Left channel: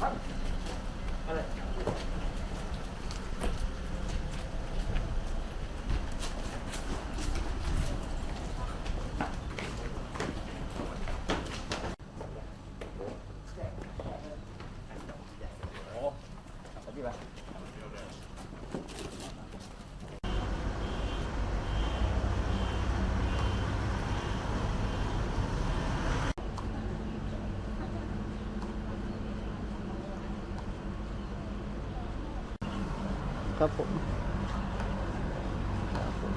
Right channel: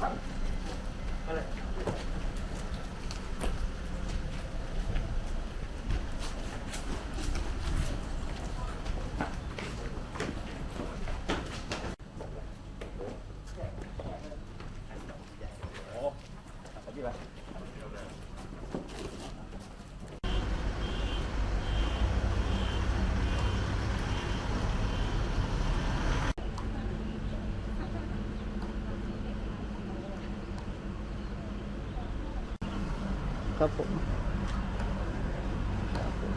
ครั บผมครับผม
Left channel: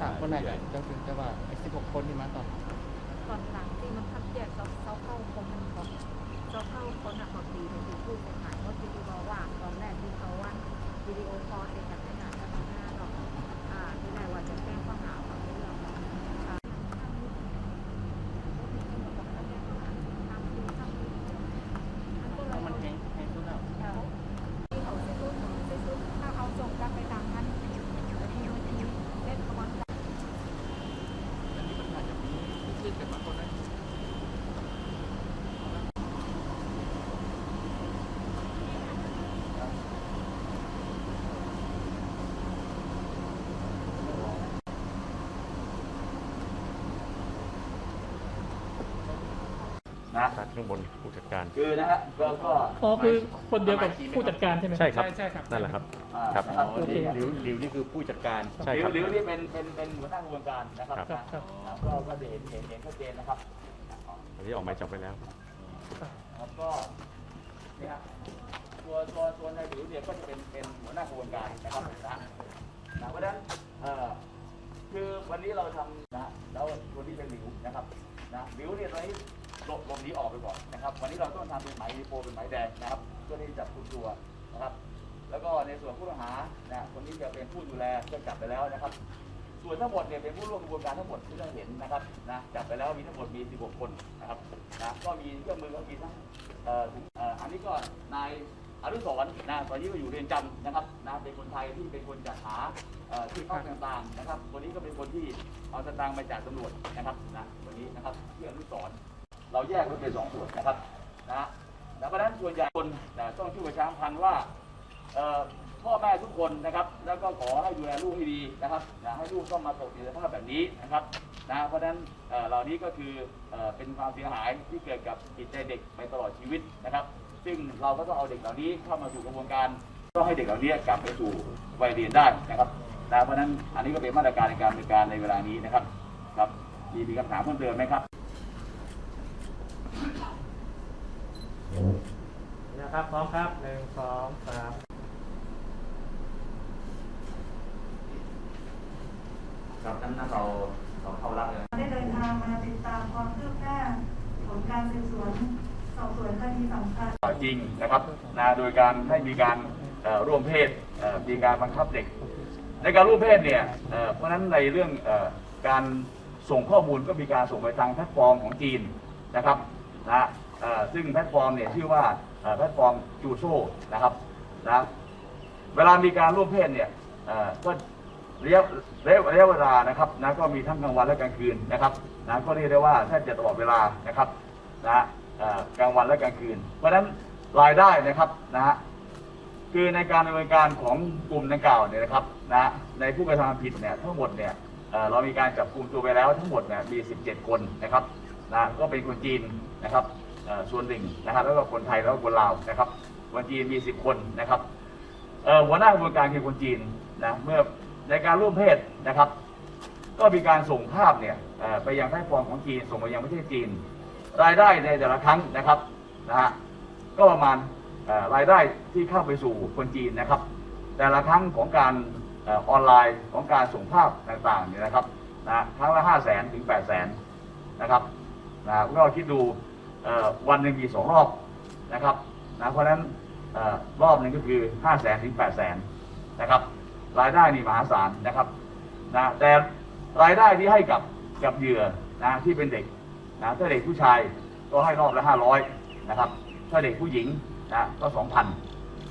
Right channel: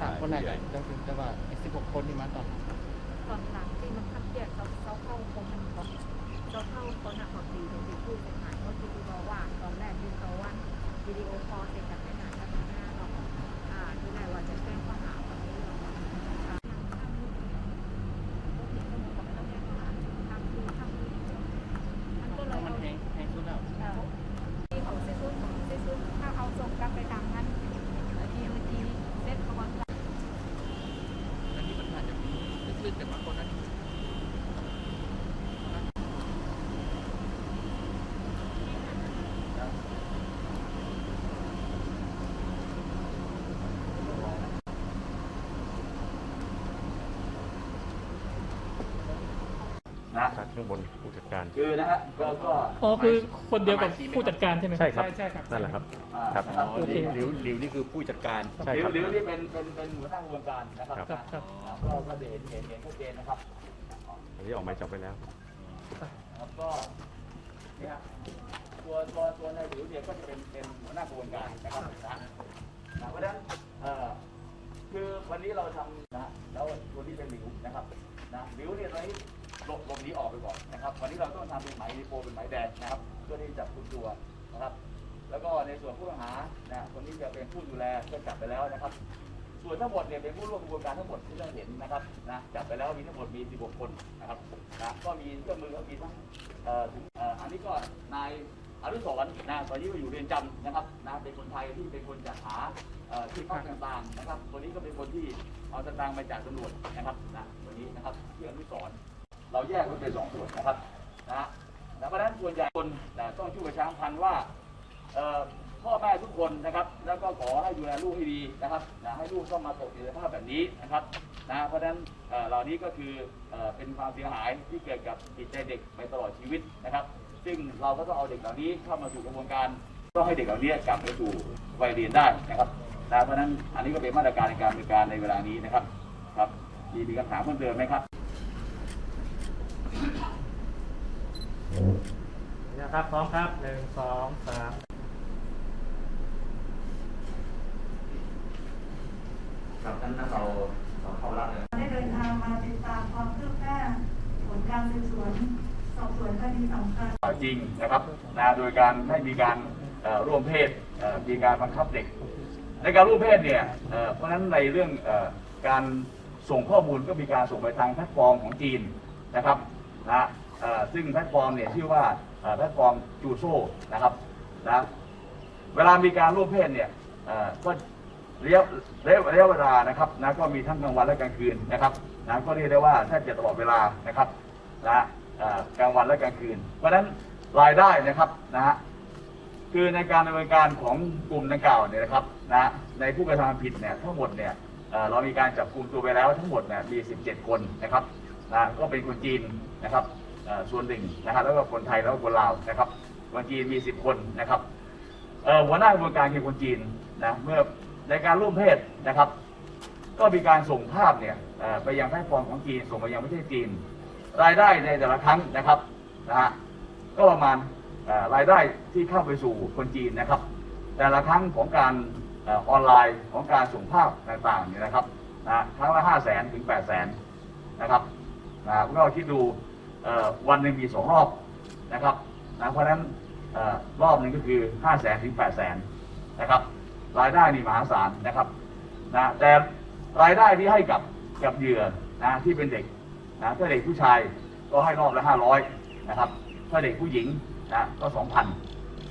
ถามคนไหนกันจะถึงจะว่าไอ้สิบหกคนที่มาตอนตอนหลังที่มันคัดแยกเซาเซาเข้าคนมันก่อนเซาเข้าคนอะบอกดีเป็นที่พูดเป็นหายว่าที่ที่บอกว่าตอนแรกที่เขาว่าวิดีโอคอลเสร็จจากไม่นานจะมาหน้าหรอกอ่าที่ไหนว่าจะเป็นข้อหากับเรื่องอ่า นะข้างบนผู้จัดการ คือนะฮะก็ก็อ๋อคือคนเดียวกับผู้จัดการใช่ไหม ใช่ครับ ใช่ครับ นั่นแหละครับ อ่าครับนะครับโอเคหลิวหลิวนี่คือผู้จัดการ ใช่หรือครับหรือนี่เป็นเป็นเป็นหัวหน้ากระบวนการนะครับครับครับนะก็ก็เห็นเห็นเห็นชัดเจนนะครับ อันนี้ออกหมายจับไปแล้ว แล้วก็เนี่ยตัวตัวตัวในหลิวเนี่ยก็จะเป็นเป็นหัวหน้ากระบวนการนะครับนะนะเพราะฉะนั้นเอ่อคือวันนี้เราทำนะแล้วตัวนี้เป็นหลิวนะครับนะหลิวเนี่ยตอนนี้ หลบหลบนี้ออกไปก่อนนะครับ วันนี้เราต้องทำเป็นหมายโปเป็นหมายแดงนะครับเพื่อที่จะจับกลุ่มตัวนะครับ แล้วก็ในส่วนผู้ต้องหานะคนที่จะเป็นผู้ดูแลก็จับไปแล้วนะครับ ส่วนทั้งหมดเนี่ยเป็นผู้ร่วมกระบวนการทั้งหมดที่เราเห็นนะครับนะจับไปแล้วมีทั้งหมดมี 16 คนนะครับนะก็มีเครื่องมือก็มีทั้งเอ่อถุงเอ่ออันนี้ก็นายอนุสรณ์นะตอนนี้ก็อยู่เรือนจำนะครับนะเป็นคนไทยที่เป็นคนจัดหาเอ่อที่พักต่างๆนะครับคนนี้ก็เป็นคนที่เอาสตางค์มาจากตำรวจนะครับนะวันนี้นะครับที่อนุสรณ์ เราแยกไว้เป็นสองส่วนนะครับนะแล้วเพราะฉะนั้นส่วนใหญ่คนแต่ต้องช่วยประชาสัมพันธ์ว่าพ่อแม่ทุกคนนะครับ แล้วก็ขอให้ดูแลลูกให้ดีนะครับนะให้ลูกต้องมาตกอยู่ในสภาพแบบนี้นะครับนะเพราะฉะนั้นเหล่านี้ก็คือเอ่อเป็นความเสียหายที่เกิดกับจิตใจเด็กไปตลอดชีวิตนะครับ ซึ่งเราก็ต้องเอาเด็กเหล่านี้เข้ามาสู่กระบวนการต้องให้เด็กเหล่านี้กลับไปสู่วัยเรียนได้นะครับนะเพราะฉะนั้นอันนี้ก็เป็นมาตรการในการดำเนินการในเวลานี้นะครับครับมีมีคำถามเพิ่มเติมไหมครับ นะ ครับพร้อมครับหนึ่งสองสามครับนั้นเราเราเข้ารับเลยได้เดินทางมาติดตามความคืบหน้าผลการสืบสวนสอบสวนคดีสำคัญจริงนะครับนะโดยการให้มีการเอ่อร่วมเพศเอ่อมีการบังคับเด็ก ในการร่วมเพศเนี่ยเอ่อเพราะฉะนั้นในเรื่องเอ่อการส่งข้อมูลก็มีการส่งไปทางแพลตฟอร์มของจีนนะครับนะเอ่อซึ่งแพลตฟอร์มเนี่ยชื่อว่าเอ่อ แพลตฟอร์มจูโซนะครับนะเวลามีการร่วมเพศเนี่ยก็ระยะระยะระยะเวลานะครับนะก็มีทั้งกลางวันและกลางคืนนะครับนะก็เรียกได้ว่าแทบจะตลอดเวลานะครับนะกลางวันและกลางคืน เพราะฉะนั้นรายได้นะครับนะฮะคือในการดำเนินการของกลุ่มดังกล่าวเนี่ยนะครับนะในผู้กระทำผิดเนี่ยทั้งหมดเนี่ยเรามีการจับกลุ่มตัวไปแล้วทั้งหมดเนี่ยมี 17 คนนะครับนะก็เป็นคนจีนนะครับ ส่วนหนึ่งนะครับแล้วก็คนไทยแล้วก็คนลาวนะครับคนจีนมี10คนนะครับหัวหน้ากระบวนการคือคนจีนนะเมื่อในการร่วมเพศนะครับ ก็มีการส่งภาพเนี่ยไปยังแพลตฟอร์มของจีนส่งไปยังประเทศจีน รายได้ในแต่ละครั้งนะครับนะฮะก็ประมาณรายได้ที่เข้าไปสู่คนจีนนะครับ แต่ละครั้งของการออนไลน์ของการส่งภาพต่างๆเนี่ยนะครับนะครั้งละห้าแสนถึงแปดแสนนะครับนะพวกเราคิดดู วันหนึ่งมีสองรอบนะครับนะเพราะฉะนั้นอรอบหนึ่งก็คือห้าแสนถึงแปดแสนนะครับรายได้นี่มหาศาลนะครับนะแต่รายได้ที่ให้กับกับเหยื่อนะที่เป็นเด็กนะถ้าเด็กผู้ชายก็ให้รอบละห้าร้อยนะครับถ้าเด็กผู้หญิงนะก็สองพัน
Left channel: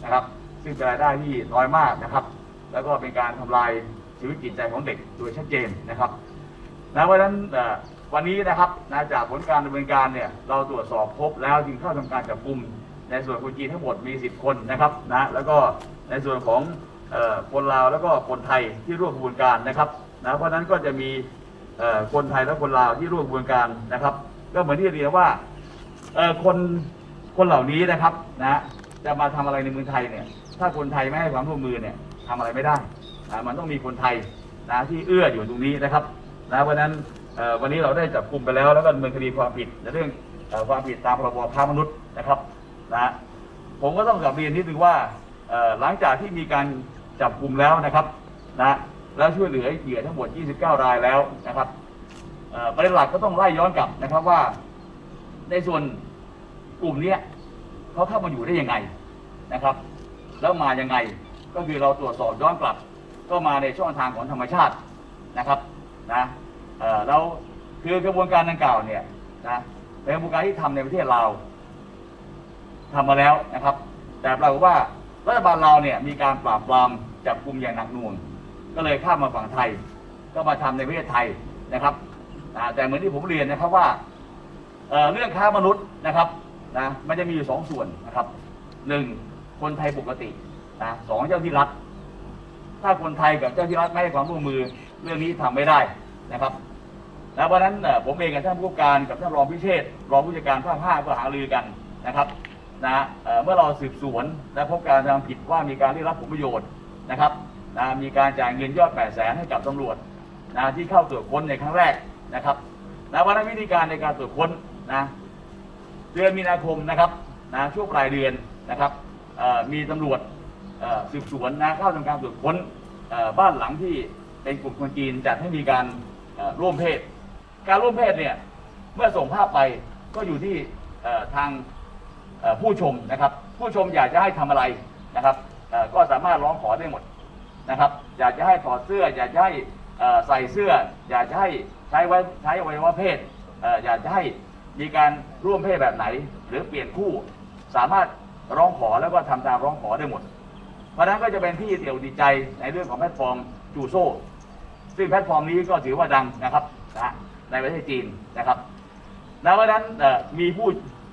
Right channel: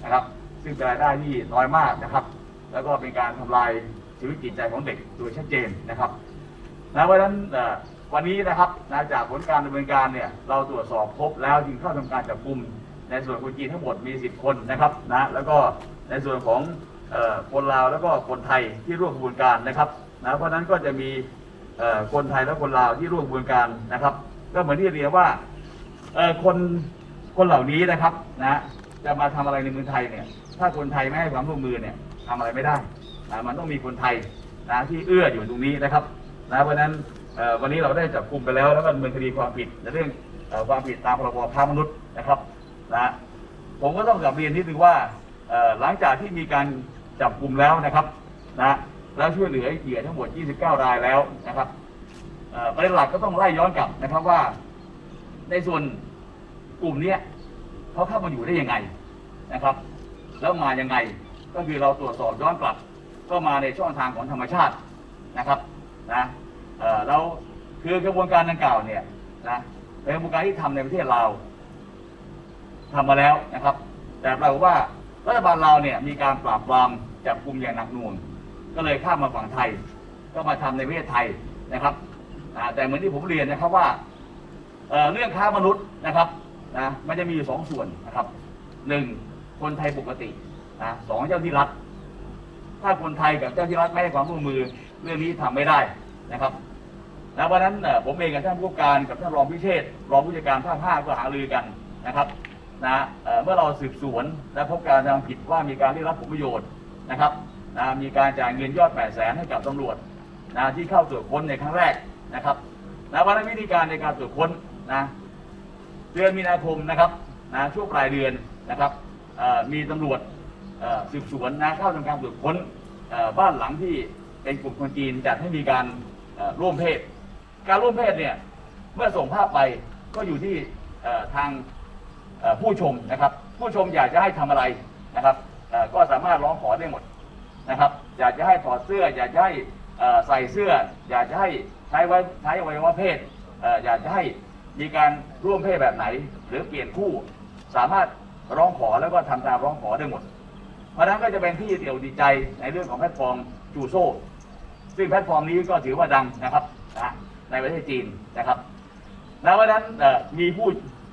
นะครับซึ่งเป็นรายได้ที่น้อยมากนะครับ แล้วก็เป็นการทำลายชีวิตจิตใจของเด็กโดยชัดเจนนะครับนะเพราะฉะนั้นอ่ วันนี้นะครับนะจากผลการดำเนินการเนี่ยเราตรวจสอบพบแล้วจึงเข้าทำการจับกลุ่มในส่วนคนจีนทั้งหมดมี 10 คนนะครับนะแล้วก็ในส่วนของออคนลาวแล้วก็คนไทยที่ร่วมกระบวนการนะครับนะเพราะนั้นก็จะมีคนไทยและคนลาวที่ร่วมกระบวนการนะครับ ก็เหมือนที่เรียนว่าคนคนเหล่านี้นะครับนะจะมาทำอะไรในเมืองไทยเนี่ยถ้าคนไทยไม่ให้ความร่วมมือเนี่ยทำอะไรไม่ได้นะมันต้องมีคนไทยนะที่เอื้ออยู่ตรงนี้นะครับนะเพราะนั้น วันนี้เราได้จับกลุ่มไปแล้วแล้วก็ดำเนินคดีความผิดในเรื่องความผิดตามพรบค้ามนุษย์นะครับนะผมก็ต้องกลับเรียนนิดนึงว่าหลังจากที่มีการจับกลุ่มแล้วนะครับนะแล้วช่วยเหลือเหยื่อทั้งหมด 29 รายแล้วนะครับเประเด็นหลักก็ต้องไล่ย้อนกลับนะครับว่า ในส่วนกลุ่มนี้เขาเข้ามาอยู่ได้ยังไงนะครับ แล้วมายังไงก็คือเราตรวจสอบย้อนกลับ ก็มาในช่องทางของธรรมชาตินะครับนะเอ่อแล คือกระบวนการดังกล่าวเนี่ยนะเป็นกระบวนการที่ทำในประเทศเราวทำมาแล้วนะครับ แต่ปรากฏว่ารัฐบาลเราเนี่ยมีการปราบปรามจับกลุ่มอย่างหนักหน่วง ก็เลยข้ามมาฝั่งไทย ก็มาทำในประเทศไทยนะครับแต่เหมือนที่ผมเรียนนะครับว่าเเรื่องค้ามนุษย์นะครับนะมันจะมีอยู่สองส่วนนะครับหนึ่งคนไทยปกตินะสองเจ้าที่รัฐถ้าคนไทยกับเจ้าที่รัฐไม่ให้ความร่วมมือเรื่องนี้ทำไม่ได้นะครับ นะเพราะนั้นผมเองกับท่านผู้การกับท่านรองพิเชษรองผู้จัดการภาคห้าก็หารือกันนะครับนะเมื่อเราสืบสวนและพบการกระทำผิดว่ามีการได้รับผลประโยชน์นะครับนะมีการจ่ายเงินยอดแปดแสนให้กับตำรวจนะที่เข้าตรวจค้นในครั้งแรกนะครับนะวันนั้นวิธีการในการตรวจค้นนะเดือนมีนาคมนะครับนะช่วงปลายเดือนนะครับมีตำรวจสืบสวนนะเข้าทำการตรวจค้นบ้านหลังที่เป็นกลุ่มคนจีนจัดให้มีการร่วมเพศ การร่วมเพศเนี่ยเมื่อส่งภาพไปก็อยู่ที่ทางผู้ชมนะครับ ผู้ชมอยากจะให้ทำอะไรนะครับก็สามารถร้องขอได้หมดนะครับ อยากจะให้ถอดเสื้อ อยากจะให้ใส่เสื้อ อยากจะให้ใช้ไว้ใช้อวัยวะเพศอยากจะให้มีการร่วมเพศแบบไหน หรือเปลี่ยนคู่ สามารถร้องขอแล้วก็ทำตามร้องขอได้หมด เพราะนั้นก็จะเป็นที่เดี่ยวดีใจในเรื่องของแพลตฟอร์มจูโซซึ่งแพลตฟอร์มนี้ก็ถือว่าดังนะครับ ในประเทศจีนนะครับแล้ววันนั้นมีผู้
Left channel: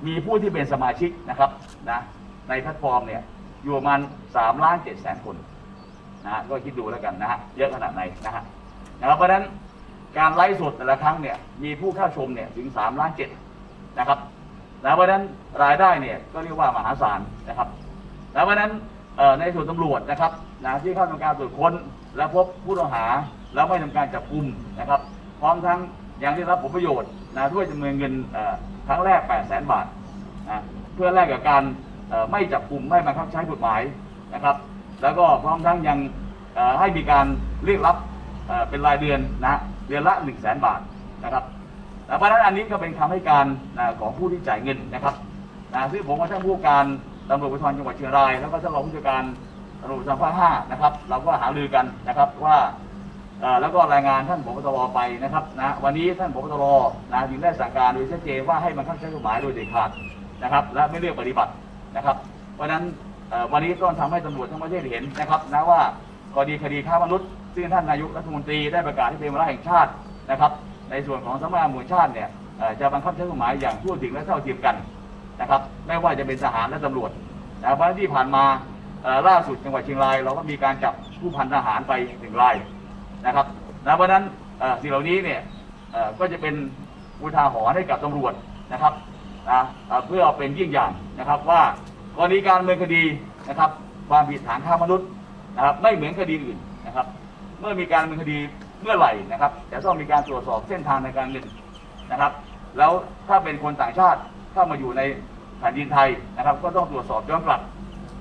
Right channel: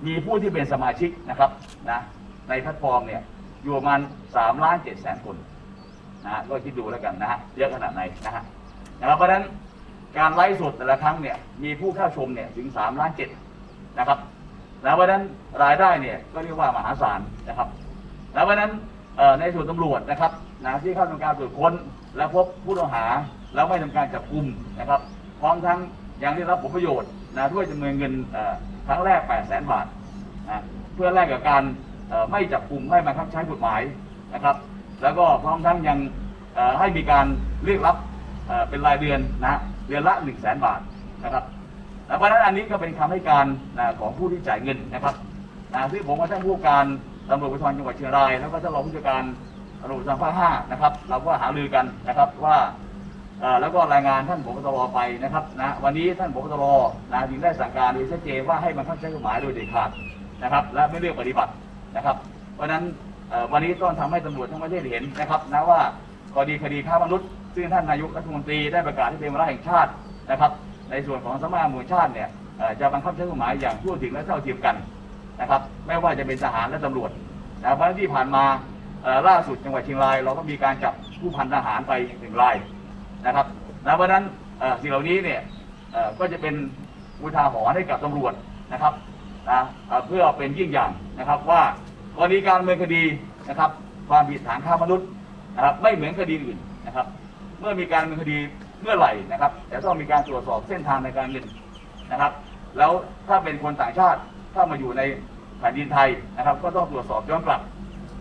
มีผู้ที่เป็นสมาชิกนะครับนะในแพลตฟอร์มเนี่ยอยู่ประมาณสามล้านเจ็ดแสนคนนะฮะก็คิดดูแล้วกันนะฮะเยอะขนาดไหนนะฮะนะครับเพราะฉะนั้นการไลฟ์สดแต่ละครั้งเนี่ยมีผู้เข้าชมเนี่ยถึงสามล้านเจ็ดนะครับนะเพราะฉะนั้นรายได้เนี่ยก็เรียกว่ามหาศาลนะครับ แล้วเพราะฉะนั้นในส่วนตำรวจนะครับนะที่เข้าทำการตรวจค้น และพบผู้ต้องหาแล้วไม่ทำการจับกลุ่มนะครับพร้อมทั้ง ยังได้รับผลประโยชน์นะด้วยจำนวนเงินครั้งแรก 8 0 0 0 0 0 บาทนะเพื่อแลกกับการไม่จับกลุ่มไม่บังคับใช้กฎหมายนะครับ แล้วก็พร้อมทั้งยังให้มีการเรียกรับเป็นรายเดือนนะเดือนละ 1 0 0 0 0แบาทนะครับเพราะฉะนั้นอันนี้ก็เป็นคำให้การนะของผู้ที่จ่ายเงินนะครับนะซึ่งผมกับท่านผู้การตำรวจภูธรจังหวัดเชียงรายแล้วก็ท่านรองผู้จัดการตำรวจภูธรภาคห้านะครับ เราก็หารือกันนะครับว่า แล้วก็รายงานท่านผบตรไปนะครับนะวันนี้ท่านผบตรนะจึงได้สั่งการโดยชัดเจนว่าให้บังคับใช้กฎหมายโดยเด็ดขาดนะครับ และไม่เลือกปฏิบัตินะครับ เพราะฉะนั้นวันนี้ต้องทำให้ตำรวจทั้งประเทศเห็นนะครับนะว่ากรณีคดีค้ามนุษย์ซึ่งท่านนายกรัฐมนตรีได้ประกาศให้เป็นวาระแห่งชาตินะครับ ในส่วนของสำนักงานตำรวจแห่งชาติเนี่ยจะบังคับใช้กฎหมายอย่างทั่วถึงและเท่าเทียมกันนะครับ ไม่ว่าจะเป็นทหารและตำรวจนะเพราะฉะนั้นที่ผ่านมาล่าสุดจังหวัดเชียงราย เราก็มีการจับผู้พันทหารไปหนึ่งราย นะครับนะเพราะนั้นสิ่งเหล่านี้เนี่ยก็จะเป็นอุทาหรณ์ให้กับตำรวจนะครับนะเพื่อเป็นยิ่งอย่างนะครับว่ากรณีการดำเนินคดีนะครับความผิดฐานฆ่ามนุษย์นะครับไม่เหมือนคดีอื่นนะครับ เมื่อมีการดำเนินคดีเมื่อไหร่นะครับจะต้องมีการตรวจสอบเส้นทางในการเงินนะครับ แล้วถ้าเป็นคนต่างชาติเข้ามาอยู่ในแผ่นดินไทยนะครับ ก็ต้องตรวจสอบย้อนกลับ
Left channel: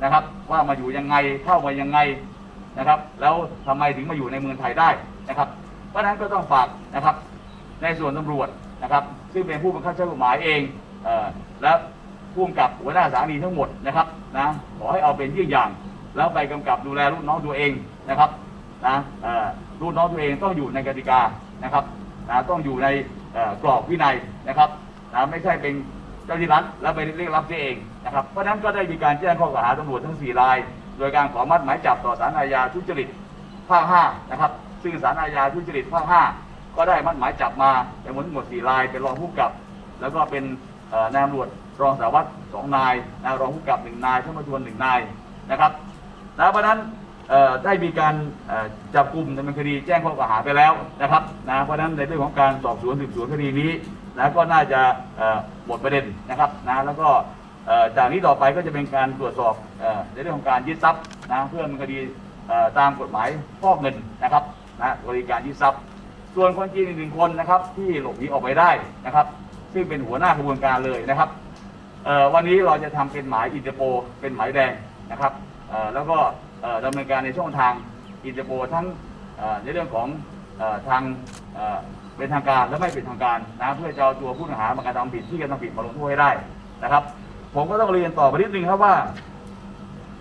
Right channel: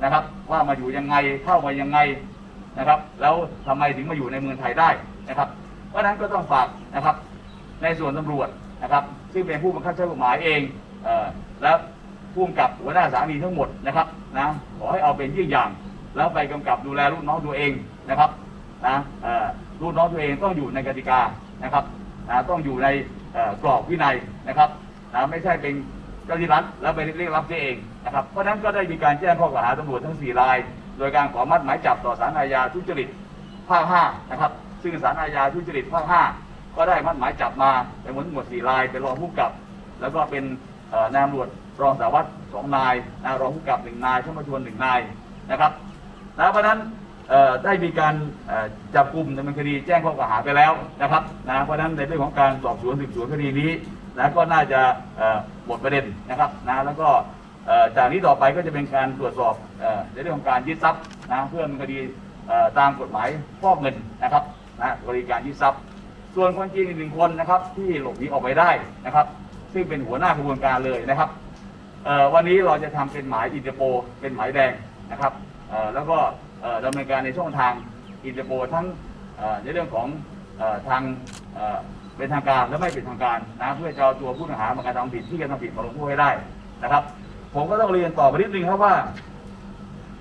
นะครับ ว่ามาอยู่ยังไงเข้ามายังไง นะครับ แล้วทำไมถึงมาอยู่ในเมืองไทยได้นะครับ เพราะฉะนั้นก็ต้องฝากนะครับ ในส่วนตำรวจนะครับ ซึ่งเป็นผู้บังคับใช้กฎหมายเองเออและผู้กำกับหัวหน้าสถานีทั้งหมดนะครับนะขอให้เอาเป็นยี่อย่าง แล้วไปกำกับดูแลลูกน้องตัวเองนะครับนะเออลูกน้องตัวเองต้องอยู่ในกติกานะครับนะต้องอยู่ในกรอบวินัยนะครับนะไม่ใช่เป็นเจ้าที่รัฐแล้วไปเรียกรับเสียเองนะครับเพราะฉะนั้นก็ได้มีการแจ้งข้อกล่าวหาตำรวจทั้ง 4 ราย โดยการขอมัดหมายจับต่อสารอาญาทุจริตภาค5นะครับ ซึ่งสารอาญาทุจริตภาค5ก็ได้มัดหมายจับมาเป็นทั้งหมด4รายเป็นรองผู้กับ แล้วก็เป็นนายตำรวจรองสารวัตรสองนายนายรองผู้กับหนึ่งนายช่วยมาชวนหนึ่งนายนะครับนะเพราะนั้นได้มีการจับกลุ่มดำเนินคดีแจ้งข้อกล่าวหาไปแล้วนะครับนะเพราะนั้นในเรื่องของการสอบสวนสืบสวนคดีนี้นะก็น่าจะหมดประเด็นนะครับนะแล้วก็ จากนี้ต่อไปก็จะเป็นการตรวจสอบในเรื่องของการยึดทรัพย์นะเพื่อดำเนินคดีตามกฎหมายฟอกเงินนะครับนะบริการยึดทรัพย์ ส่วนคนจีนอีกหนึ่งคนนะครับ ที่หลบหนีออกไปได้นะครับ ซึ่งเป็นหัวหน้าขบวนการเลยนะครับวันนี้เราจะทำเป็นหมายอินเตอร์โปเป็นหมายแดงนะครับแล้วก็เอ่อดำเนินการในช่องทางอินเตอร์โปทั้งในเรื่องของอทางเอ่อเป็นทางการและไม่เป็นทางการนะเพื่อจะเอาตัวผู้ต้องหามากระทำผิดที่กระทำผิดมาลงโทษให้ได้นะครับ ผมก็ต้องเรียนต่อไปนิดนึงครับว่า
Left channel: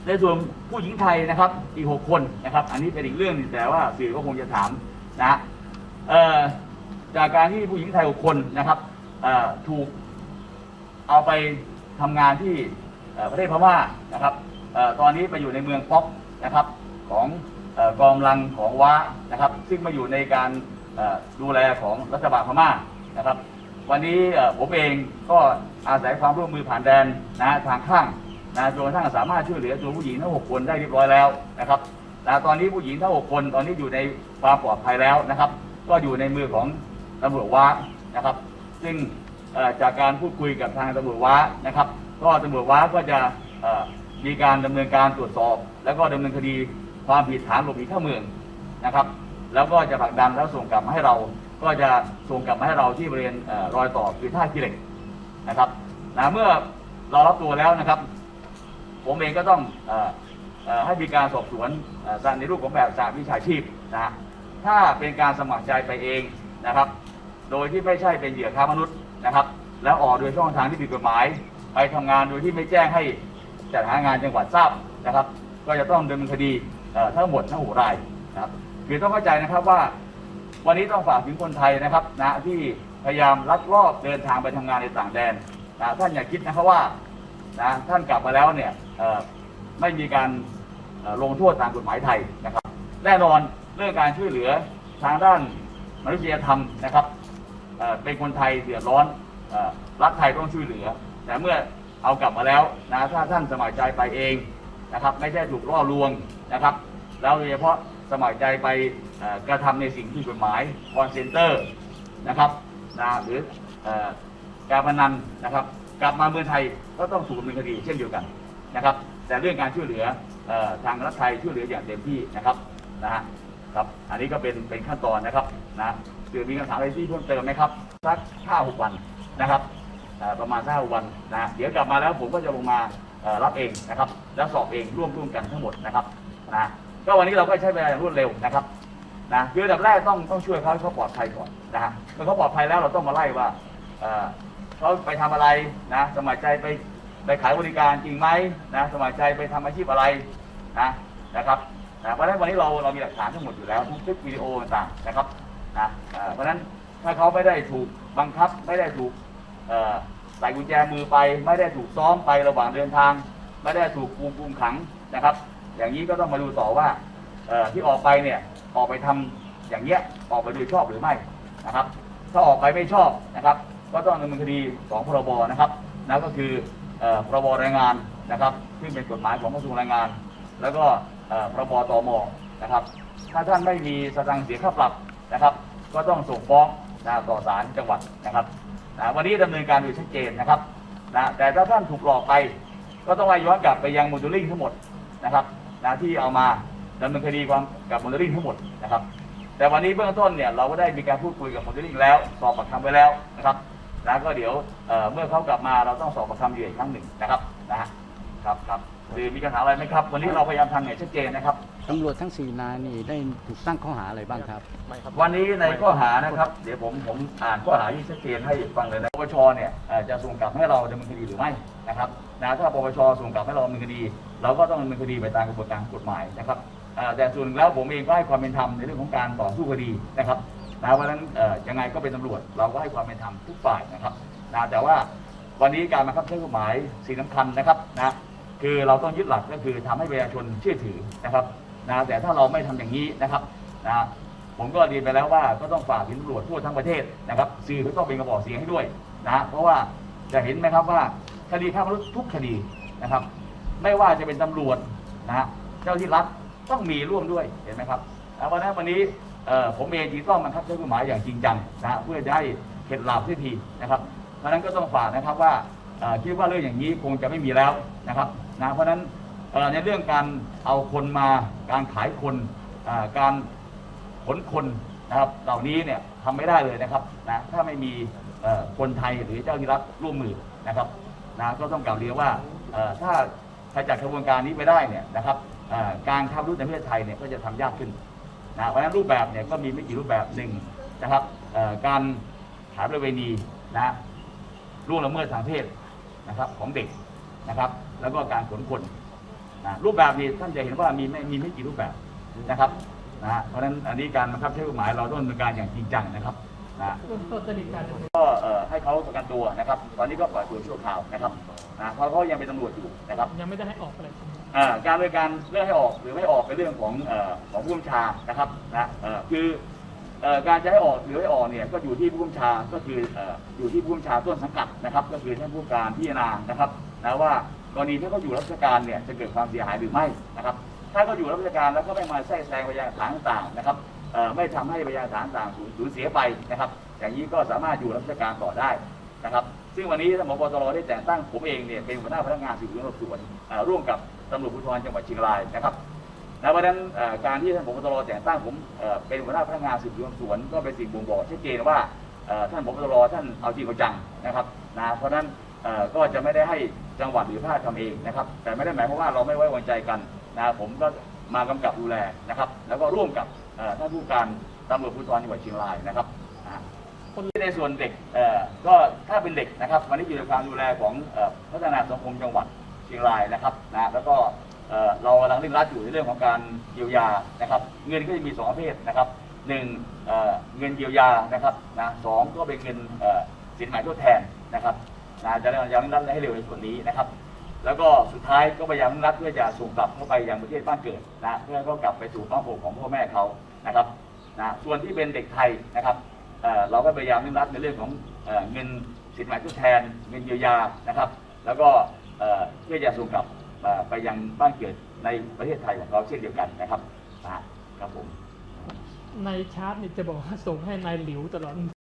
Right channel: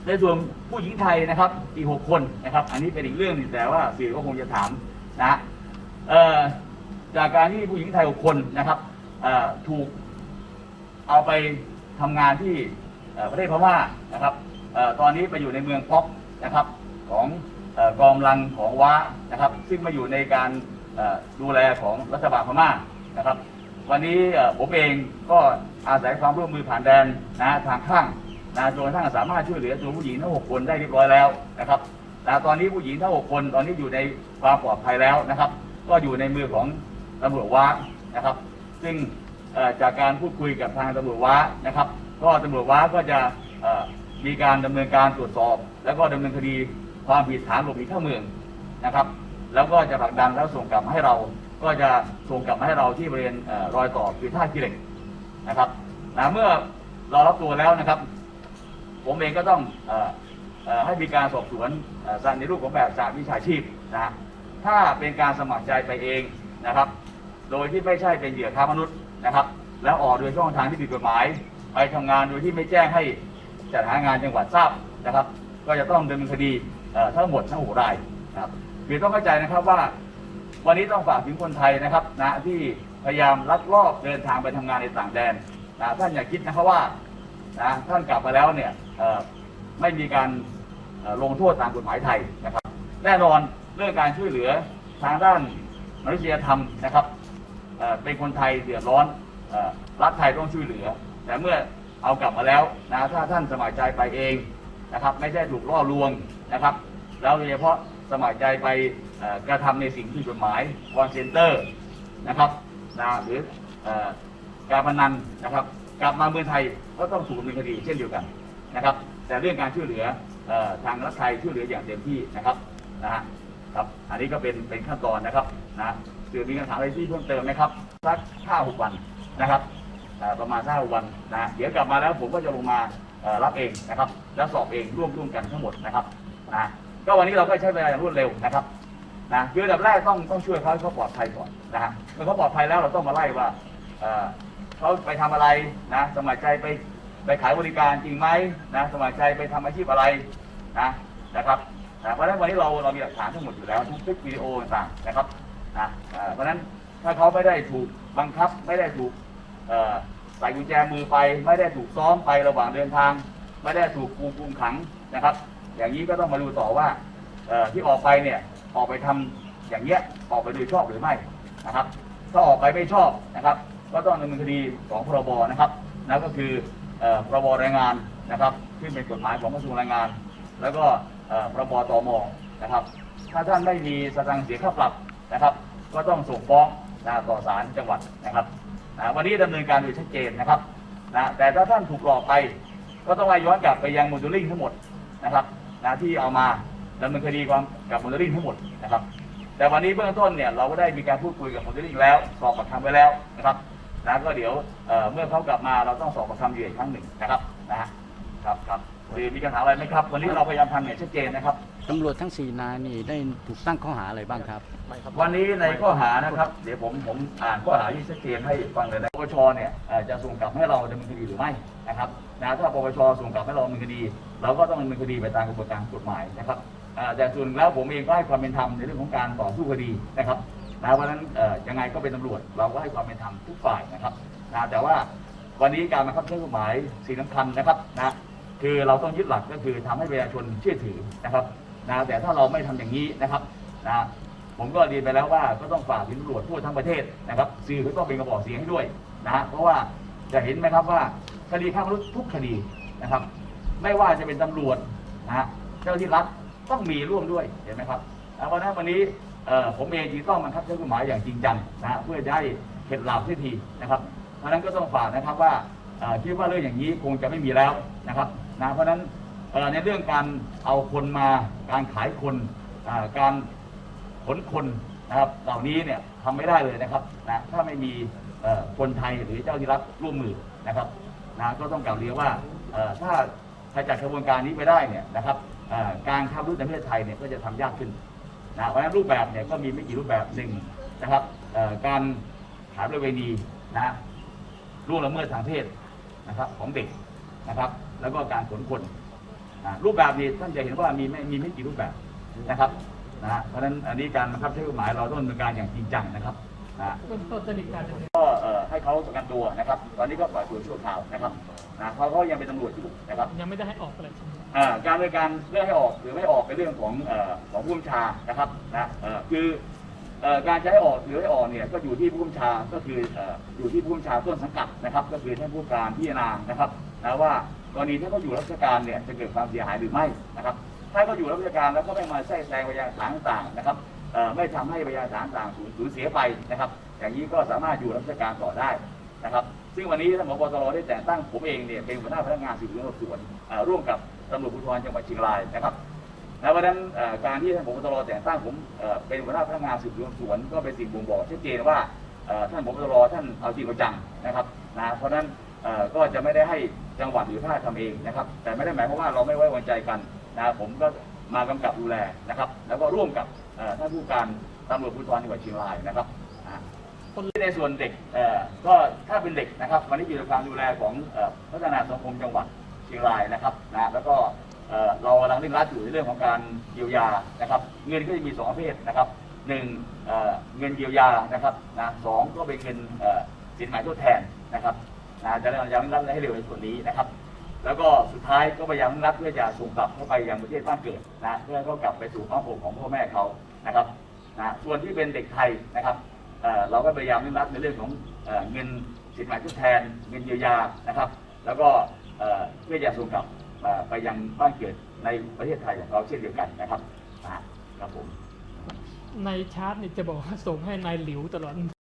ในส่วนผู้หญิงไทยนะครับ อีกหกคนนะครับ อันนี้เป็นอีกเรื่องหนึงแต่ว่าสื่อก็คงจะถามนะจากการที่ผู้หญิงไทยหกคนนะครับถูกเอาไปทำงานที่ประเทศพม่านะครับอตอนนี้ไปอยู่ในเมืองป๊อกนะครับของเอ่อกองลังของว้านะครับ ซึ่งมาอยู่ในการดูแลของรัฐบาลพม่านะครับ วันนี้ผมเองก็อาศัยความร่วมมือผ่านแดนนะทางข้างนะจนกระทั่งสามารถช่วยเหลือตัวผู้หญิงทั้งหกคนได้เรียบร้อยแล้วนะครับนะตอนนี้ผู้หญิงทั้งหกคนตอนนี้อยู่ในความปลอดภัยแล้วนะครับ ก็อยู่ในมือของตำรวจว้านะครับ ซึ่งจากการพูดคุยกับทางตำรวจว้านะครับ ก็ตำรวจว้าก็จะมีการดำเนินการตรวจสอบ แล้วก็ดำเนินคดีความผิดฐานหลบหนีเข้าเมืองนะครับ แล้วก็จะผลักดันแล้วส่งกลับมาให้เรา ก็จะส่งกลับมาให้เราที่บริเวณรอยต่อคือท่าขี้เหล็กนะครับนะเมื่อเรารับตัวแล้วนะครับ ผมเองก็ต้องออให้มีการสอบสวนเอ่อในรูปของแบบสากวิชาชีพนะถ้าเป็นการสมัครใจไปเองนะครับ โดยที่ไม่ใช่เป็นเหยื่อค้ามนุษย์นะครับ แล้วออกโดยช่องทางที่ผิดกฎหมาย ไปทำงานโดยที่ไม่แจ้งให้จัดหางานจังหวัดทราบนะครับ ก็จะต้องดำเนินคดีทั้งหมดทั้งหกรายนะครับคือต้องเข้าใจนะครับว่า วันนี้ต้องฝากถึงคนไทยนะครับนะที่พยายามลักลอบเดินทางไปทำงานในต่างแดนนะท่านอย่าคิดนะครับว่านะท่านกลับมาแล้วเนี่ยไม่มีการลงโทษตามกฎหมายไทยนะครับ แน่นอนเรื่องการช่วยเหลือทางด้านมนุษยธรรมนะครับเป็นคนไทยเดือดร้อนรัฐไทยต้องช่วยเหลือ แต่เมื่อเอากลับมาแล้วนะถ้าท่านสมัครใจไปเองนะครับ ไม่ได้ถูกล่อลวงนะครับ แล้วโดยเฉพาะ สมัครใจไปกระทำในสิ่งที่กฎหมายคอนเซนเตอร์นะครับนะหรือการพนันนะครับ กลับมาเมืองไทยก็ต้องถูกดำเนินคดีเช่นเดียวกันนะครับ แต่เรื่องการช่วยเหลืออทางรัฐไทยช่วยเหลืออย่างเต็มที่นะครับนะฮะครับอันนี้ก็เป็นเป็นขั้นตอนนะครับนะคือมีคำถามอะไรที่เพิ่มเติมไหมครับสักห้าหกวันนะครับประมาณห้าหกวันนะเดี๋ยวกลับมาแล้วผมก็จะลงมารับเองนะครับ แล้วสอบเองร่วมร่วมกันทั้งหมดนะครับนะ ก็วันนี้เราก็ใช้เวลารวดเร็วนะครับนะคืออันดับแรกต้องต้องช่วยเขาให้เขาปลอดภัยก่อนนะฮะเมื่อเขาปลอดภัยแล้วเราต้องมาไล่ว่าเขาไปทำอะไรนะสมัครใจไปไปขายบริการจริงไหมนะสมัครใจไปทำอาชีพอะไรนะนะครับเพราะฉะนั้นวันนี้เราเรามีหลักฐานทั้งหมดอยู่แล้วทุกคลิปวิดีโอต่างๆนะครับนะเพราะฉะนั้นถ้าเขาไม่ได้ถูกบังคับไม่ได้ถูกใส่กุญแจมือไป ไม่ได้ถูกซ้อมไประหว่างเดินทาง ไม่ได้ถูกคุมขังนะครับ อย่างนี้ก็ต้องมาดูต่อว่าที่ออกไปเนี่ยออกไปทำอย่างเงี้ยออกไปโดยชอบหรือไม่นะครับ ถ้าออกไปไม่ชอบนะครับ ก็ต้องดำเนินคดีของพรบนะครับนั่นก็คือพรบแรงงานนะครับซึ่เป็นกฎหมายของกระทรวงแรงงาน แล้วก็พรบตมนะครับ ถ้าท่านไม่มีสตังค์เสียค่าปรับนะครับ ก็ต้องส่งฟ้องนะต่อศาลจังหวัดนะครับนะวันนี้ดำเนินการโดยชัดเจนนะครับนะแต่ถ้าท่านถูกหลอกไป ก็ต้องไล่ย้อนกลับไปยังโมดลลิ่งทั้งหมดนะครับ นะที่เอามาดำเนินคดีความกับโมเดลลิ่งทั้งหมดนะครับ แต่วันนี้เบื้องต้นเนี่ยเราก็ได้มีการพูดคุยกับโมเดลลิ่งแล้วสอบปากคำไปแล้วนะครับแล้วก็เดี๋ยวเเมื่อเขากลับมาเราต้องสอบปากคำอยู่อีกครั้งหนึ่งนะครับนะฮะครับครับ หรือมีปัญหาอะไรไหมครับ วันนี้เราพยายามทำอย่างชัดเจนนะครับ ตำรวจทั้งสี่นายนี่ได้ถูกตั้งข้อหาอะไรบ้างครับ วันนี้ในข้อหานะครับ เดี๋ยวผมผมอ่านข้อหาที่ชัดเจนให้ฟังเลยนะปปชเนี่ยเอ่อจะส่งกลับให้เราดำเนินคดีหรือไม่นะครับนะถ้าปปชส่งกลับให้เราดำเนินคดี เราก็ต้องดำเนินคดีไปตามกระบวนการกฎหมายนะครับอ่าแต่ส่วนแล้วผมเองก็ให้ความเป็นธรรมในเรื่องของการต่อสู้คดีนะครับนะเพราะฉะนั้นเอ่อยังไงก็เป็นตำรวจเราก็ให้ความเป็นธรรมทุกฝ่ายนะครับนะแต่ว่าวันนี้การบังคับใช้กฎหมายสิ่งสำคัญนะครับนะ คือเราต้องยึดหลักก็คือทำให้ประชาชนเชื่อถือนะครับนะแต่ถ้าเราไม่ทำอย่างนี้นะครับนะผมก็เรียนไปแล้วว่าก็ต้องฝากถึงตำรวจทั่วทั้งประเทศนะครับสื่อก็ต้องเป็นกระบอกเสียงให้ด้วยนะเพราะว่าจะเห็นไหมครับว่าคดีข้ามรุกทุกคดีนะครับ ไม่ว่าจะเป็นตำรวจนะฮะเจ้าที่รัฐต้องมีร่วมด้วยเห็นไหมครับแล้ววันนั้นวันนี้ผมเองจึงต้องบังคับใช้กฎหมายอย่างจริงจังนะเพื่อจะให้เข็ดหลาบเสียทีนะครับเพราะนั้นก็ต้องฝากนะครับว่าคิดว่าเรื่องอย่างนี้คงจะไม่มีแล้วนะครับ นะเพราะฉะนั้นเอ่อในเรื่องการเอาคนมาการขายคนการขนคนนะครับเหล่านี้เนี่ยทำไม่ได้เลยนะครับนะถ้าไม่มีคนไทยหรือเจ้าที่รัฐร่วมมือนะครับนะก็ต้องกล่าวเรียนว่าถ้าขจัดกระบวนการนี้ไปได้เนี่ยนะครับการค้ามนุษย์ในประเทศไทยเนี่ยก็จะทำยากขึ้นนะเพราะฉะนั้นรูปแบบเนี่ยก็มีไม่กี่รูปแบบหนึ่งนะครับการขายประเวณีนะล่วงละเมิดทางเพศนะครับของเด็กนะครับ แล้วก็การขนคนนะรูปแบบนี้ท่านจะเห็นว่ามีไม่มีไม่กี่รูปแบบนะครับนะฮะเพราะฉะนั้นอันนี้การบังคับใช้กฎหมายเราต้องดำเนินการอย่างจริงจังนะครับนะเริ่มต้นจะมีการดำเนินก็เอ่อให้เขาประกันตัวนะครับ ตอนนี้ก็ปล่อยตัวชั่วคราวนะครับนะเพราะเขายังเป็นตำรวจอยู่นะครับยังไม่ได้ให้ออกเลยอ่าการบริการเรื่องให้ออกหรือไม่ออกเป็นเรื่องของเอ่อของผู้บัญชานะครับนะเอ่อคือเอ่อการจะให้ออกหรือไม่ออกเนี่ยก็อยู่ที่ผู้บัญชาก็คือเอ่ออยู่ที่ผู้บัญชาต้นสังกัดนะครับ ก็คือท่านผู้การพิจารณานะครับนะว่ากรณีที่เขาอยู่รับราชการเนี่ยจะเกิดความเสียหายหรือไม่นะครับ ถ้าเขาอยู่รับราชการแล้วก็ไม่มาแทรกแซงพยานหลักฐานต่างๆนะครับไม่ทำให้พยานหลักฐานต่างๆสูญเสียไปนะครับ อย่างนี้ก็สามารถอยู่รับราชการต่อได้นะครับ ซึ่งวันนี้ท่านผบตรได้แต่งตั้งผมเองเนี่ยเป็นหัวหน้าพนักงานสืบสวนสอบสวนร่วมกับตำรวจภูธรจังหวัดเชียงรายนะครับแล้วเพราะฉะนั้นการที่ท่านผบตรแต่งตั้งผมเป็นหัวหน้าพนักงานสืบสวนสวนก็เป็นสิ่งบ่งบอกชัดเจนว่าท่านผบตรท่านเอาจริงเอาจังนะครับนะเพราะฉะนั้นก็จะไม่ได้ให้ จังหวัดหรือภาคทำเองนะครับ แต่ไม่ได้หมายความว่าเราไม่ไว้วางใจกันนะผมก็มากำกับดูแลนะครับ แล้วก็ร่วมกับท่านผู้การตำรวจภูธรจังหวัดเชียงรายนะครับในส่วนเด็กก็ถ้าเป็นเด็กนะครับ วันนี้อยู่ในความดูแลของพัฒนาสังคมจังหวัดเชียงรายนะครับนะแล้วก็เรากำลังเร่งรัดอยู่ในเรื่องของการเยียวยานะครับ เงินก็จะมีสองประเภทนะครับหนึ่งเงินเยียวยานะครับนะสองก็เป็นเงินสินหมทดแทนนะครับ นะจะได้ยังรัดให้เร็วในส่วนนี้นะครับ แล้วก็สุดท้ายก็พยายามรัดเพื่อจะส่งกลับเข้าไปยังประเทศบ้านเกิดนะเพื่อก็กลับไปสู่อ้อมอกของพ่อแม่เขานะครับนะส่วนที่เป็นเด็กไทยนะครับเราก็พยายามรัดในเรื่องของเอเงินสินไหมทดแทนเงินเยียวยานะครับ แล้วก็เพื่อจะส่งกลับไปยังบ้านเกิดในประเทศไทยของเราเช่นเดียวกันนะครับอ่าครับผมในชาร์ตนี่จะบอกว่าส่งให้นายหลิวตลอด